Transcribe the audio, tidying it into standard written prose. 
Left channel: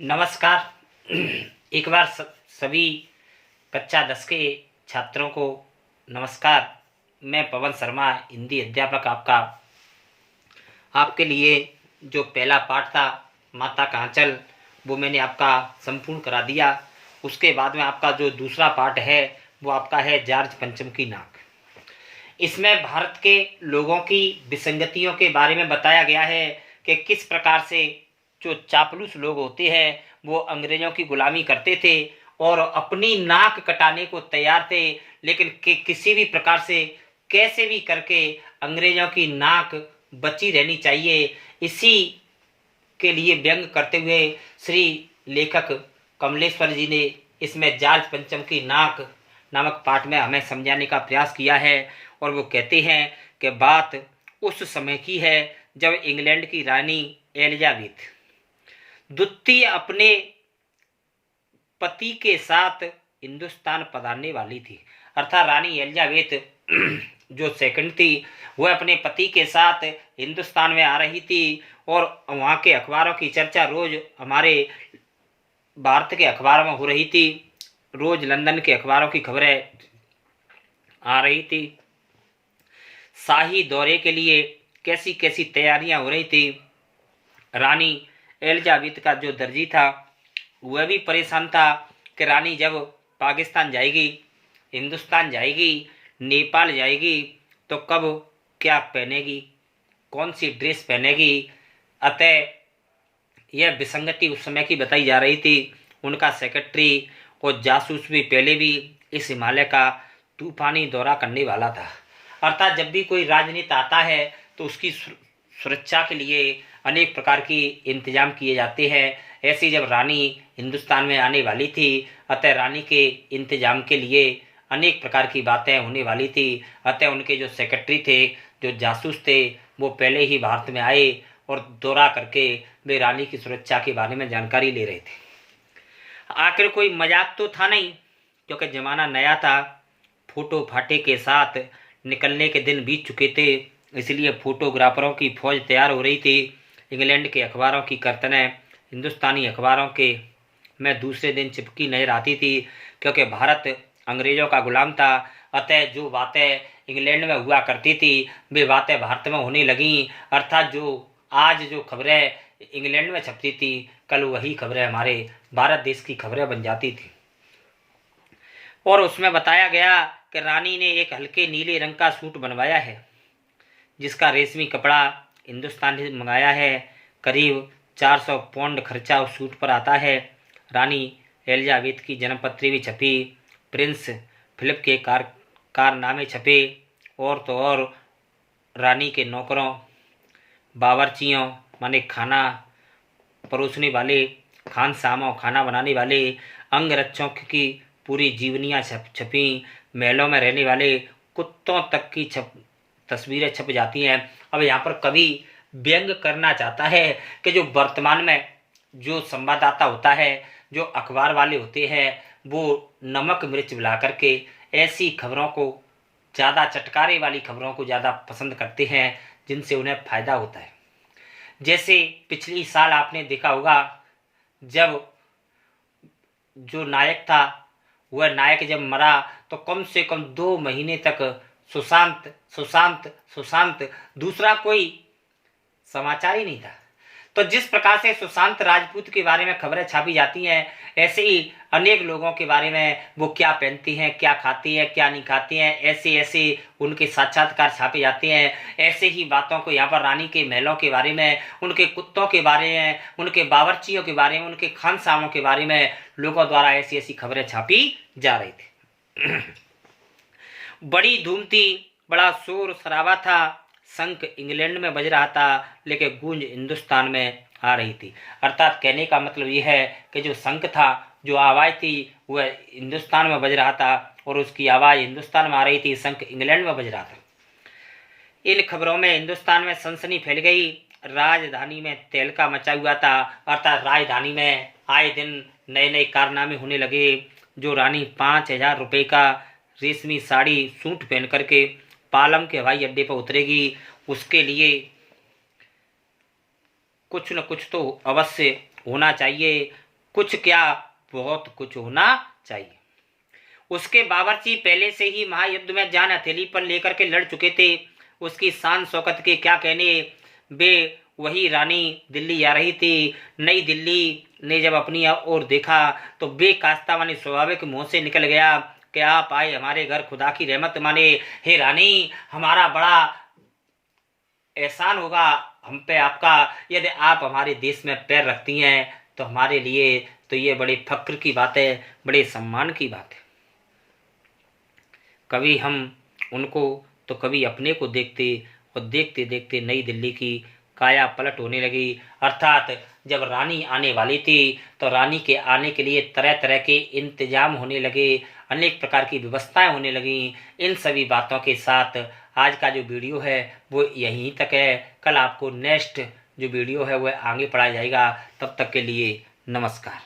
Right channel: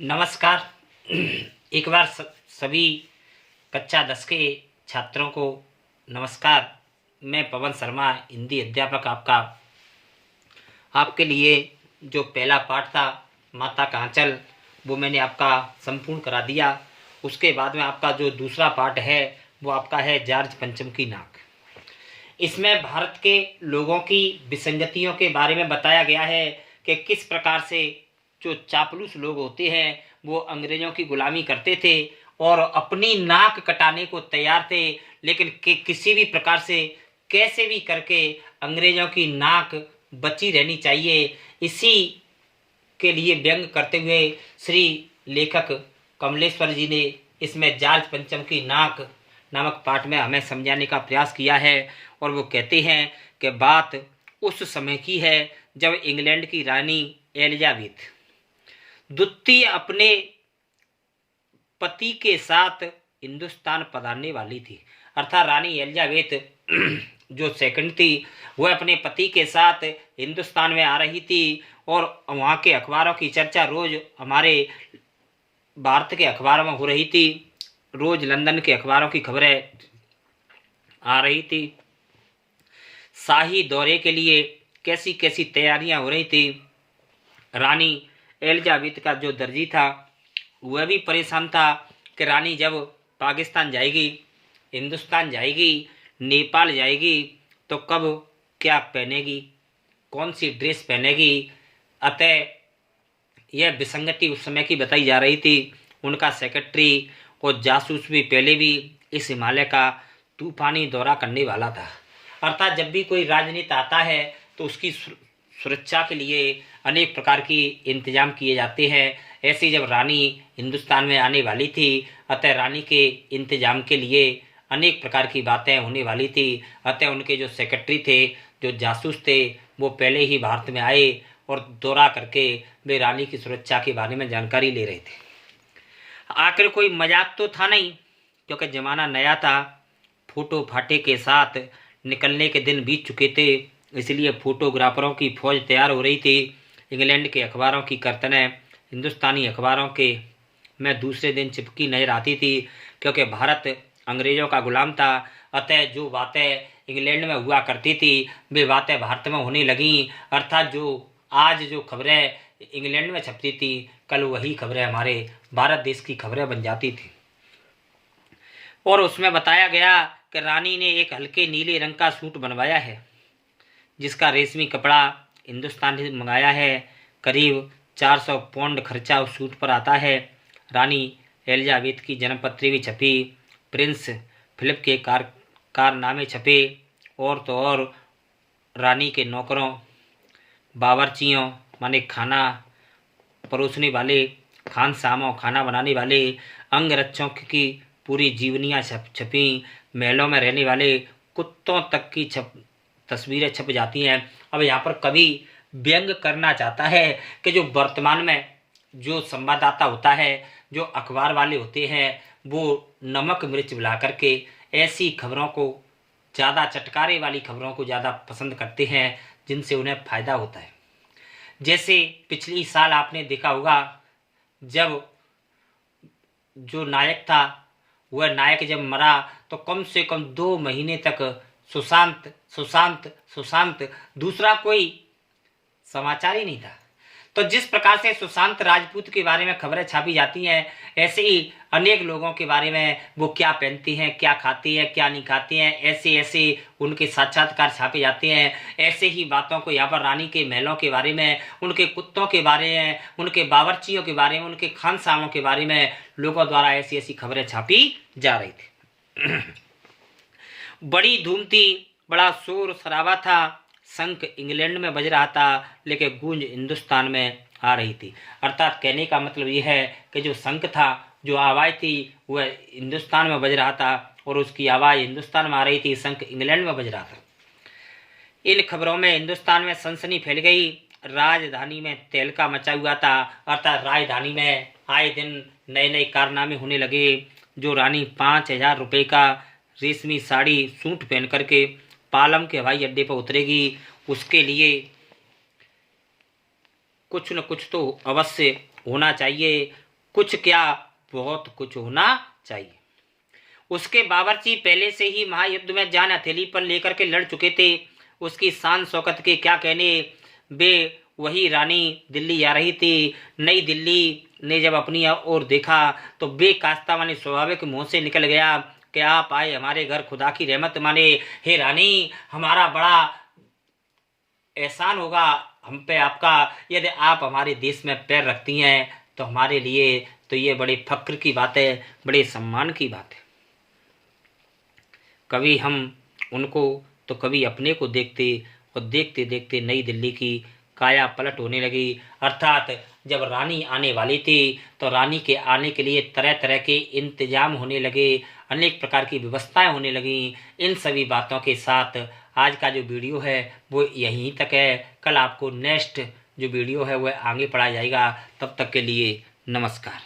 नमस्कार। एक बार सभी कक्षा 10 के छात्रों को नमस्कार। मैं पवन शर्मा, हिंदी अध्यापक आपका। आपके लिए जो पहला पाठ था माता कहाँ चल, वो मैंने आपका संपूर्ण करा दिया। उसके बाद में आपका जो दूसरा पाठ है वो आपका है जॉर्ज पंचम की नाक। इसमें भारत के लोगों की विसंगतियों के बारे में बताया गया है कि किस प्रकार से जो चापलूस लोग होते हैं वो अंग्रेजों की गुलामी करते थे और अपनी नाक कटाने को तैयार थे, लेकिन किसी भी प्रकार से कैसे भी करके अंग्रेजों की नाक बची रहनी चाहिए। इसी के लिए व्यंग करते हुए श्री लेखक कमलेश्वर जी ने इसमें जॉर्ज पंचम की नाक नामक पाठ में हमें समझाने का प्रयास किया है। और वो कहते हैं कि बात उस समय की है जब इंग्लैंड की रानी एलिजाबेथ द्वितीय अपने पति के साथ हिंदुस्तान पधारने वाली थी। अर्थात रानी एलिजाबेथ जो सेकंड थी वह अपने पति के साथ हिंदुस्तान में आ रही थी और वहाँ के अखबारों की चर्चा रोज हमारे भारत के अखबारों में हो रही थी। रोज लंदन के अखबारों की खबरें आ रही थी। शाही दौरे के लिए कैसी कैसी तैयारियां हो रही थी। रानी एलिजाबेथ का जो दर्जी था वह भी परेशान था कि रानी जब पाकिस्तान जाएगी, हिंदुस्तान जाएगी, नेपाल जाएगी तो कब क्या पहनेगी, कौन सी ड्रेस पहनेगी। अतः यह विसंगति उस समय की बताई जा रही थी। उनका सेक्रेटरी और जासूस भी पहले भी इस हिमालय का तूफानी दौरा करने वाला था। अर्थात जब भी कोई राजनीति आता है तो उसकी सुरक्षा के लिए अनेक प्रकार की इंतजाम किए जाते हैं। ऐसी जब रानी हिंदुस्तान में आने वाली थी, अतः रानी के इंतजाम के लिए अनेक प्रकार की बातें होने वाली थी। अतः उनके जो सेक्रेटरी थे, जो जासूस थे, वो पहले ही भारत में आए और दौरा करके वे रानी की सुरक्षा के बारे में जानकारी ले रहे थे। आखिर कोई मजाक तो था नहीं, क्योंकि जमाना नया था। फोटो फाटे के साथ निकलने के दिन बीत चुके थे, इसलिए फोटोग्राफरों की फौज तैयार हो रही थी। इंग्लैंड के अखबारों की कर्तनें हिंदुस्तानी अखबारों के में दूसरे दिन चिपकी नजर आती थी, क्योंकि भारत अंग्रेजों का गुलाम था। अतः जो बातें इंग्लैंड में हुआ करती थी वे बातें भारत में होने लगीं। अर्थात जो आज जो खबरें इंग्लैंड में छपती थी, कल वही खबरें हमारे भारत देश की खबरें बन जाती थी। और उसमें बताया गया कि रानी ने एक हल्के नीले रंग का सूट बनवाया है, जिसका रेशमी कपड़ा हिंदुस्तान से मंगाया है। करीब 400 पाउंड खर्चा उस सूट पर आता है। रानी एलिजाबेथ की जन्मपत्री भी छपी, प्रिंस फिलिप के कारनामे छपे, और तो और रानी के नौकरों, बावर्चियों माने खाना परोसने वाले, खानसामों खाना बनाने वाले, अंगरक्षकों की पूरी जीवनियाँ छपी। महलों में रहने वाले कुत्तों तक की तस्वीरें छप जाती हैं। अब यहाँ पर कवि व्यंग करना चाहता है कि जो वर्तमान में जो संवाददाता होता है, जो अखबार वाले होते हैं, वो नमक मिर्च मिला करके ऐसी खबरों को ज़्यादा, चटकारे वाली खबरों को ज़्यादा पसंद करते हैं जिनसे उन्हें फायदा होता है। जैसे पिछली साल आपने देखा होगा, जब जो नायक था वह नायक जब मरा तो कम से कम 2 महीने तक सुशांत सुशांत सुशांत, दूसरा कोई समाचार ही नहीं था। तो जिस प्रकार से सुशांत राजपूत के बारे में खबरें छापी जाती हैं, ऐसे ही अनेक लोगों के बारे में, वो क्या पहनती हैं, क्या खाती हैं, क्या नहीं खाती हैं, ऐसे ऐसे उनके साक्षात्कार छापे जाते हैं। ऐसे ही बातों को यहाँ पर रानी के महलों के बारे में, उनके कुत्तों के बारे में, उनके बावर्चियों के बारे में, उनके खानसामों के बारे में लोगों द्वारा ऐसी ऐसी खबरें छापी जा रही थी। बड़ी धूम थी, बड़ा शोर शराबा था। शंख इंग्लैंड में बज रहा था, लेकिन गूंज हिंदुस्तान में आ रही थी। अर्थात कहने का मतलब यह है कि जो शंख था, जो आवाज़ थी, वह हिंदुस्तान में बज रहा था और उसकी आवाज़ हिंदुस्तान में आ रही थी, शंख इंग्लैंड में बज रहा था। इन खबरों में हिंदुस्तान में सनसनी फैल गई। राजधानी में तहलका मचा हुआ था। अर्थात राजधानी में आए दिन नए नए कारनामे होने लगे। जो रानी 5,000 रुपये का रेशमी साड़ी सूट पहन करके पालम के हवाई अड्डे पर उतरेगी, उसके लिए कुछ न कुछ तो अवश्य होना चाहिए। कुछ क्या बहुत कुछ होना चाहिए। उसके बावर्ची पहले से ही महायुद्ध में जान हथेली पर लेकर के लड़ चुके थे। उसकी शान शौकत के क्या कहने। वे वही रानी दिल्ली आ रही थी। नई दिल्ली ने जब अपनी ओर देखा तो बेकास्ता माने स्वाभाविक मुंह से निकल गया कि आप आए हमारे घर, खुदा की रहमत माने। हे रानी, हमारा बड़ा एहसान होगा हम पे आपका, यदि आप हमारे देश में पैर रखती हैं तो हमारे लिए तो ये बड़े फक्र की बात है, बड़े सम्मान की बात है। कभी हम उनको तो कभी अपने को देखते, और देखते देखते नई दिल्ली की काया पलट होने लगी। अर्थात जब रानी आने वाली थी तो रानी के आने के लिए तरह तरह के इंतजाम होने लगे, अनेक प्रकार की व्यवस्थाएं होने लगीं। इन सभी बातों के साथ आज का जो वीडियो है वो यहीं तक है। कल आपको नेक्स्ट जो वीडियो है वह आगे पढ़ाया जाएगा। तब तक के लिए नमस्कार।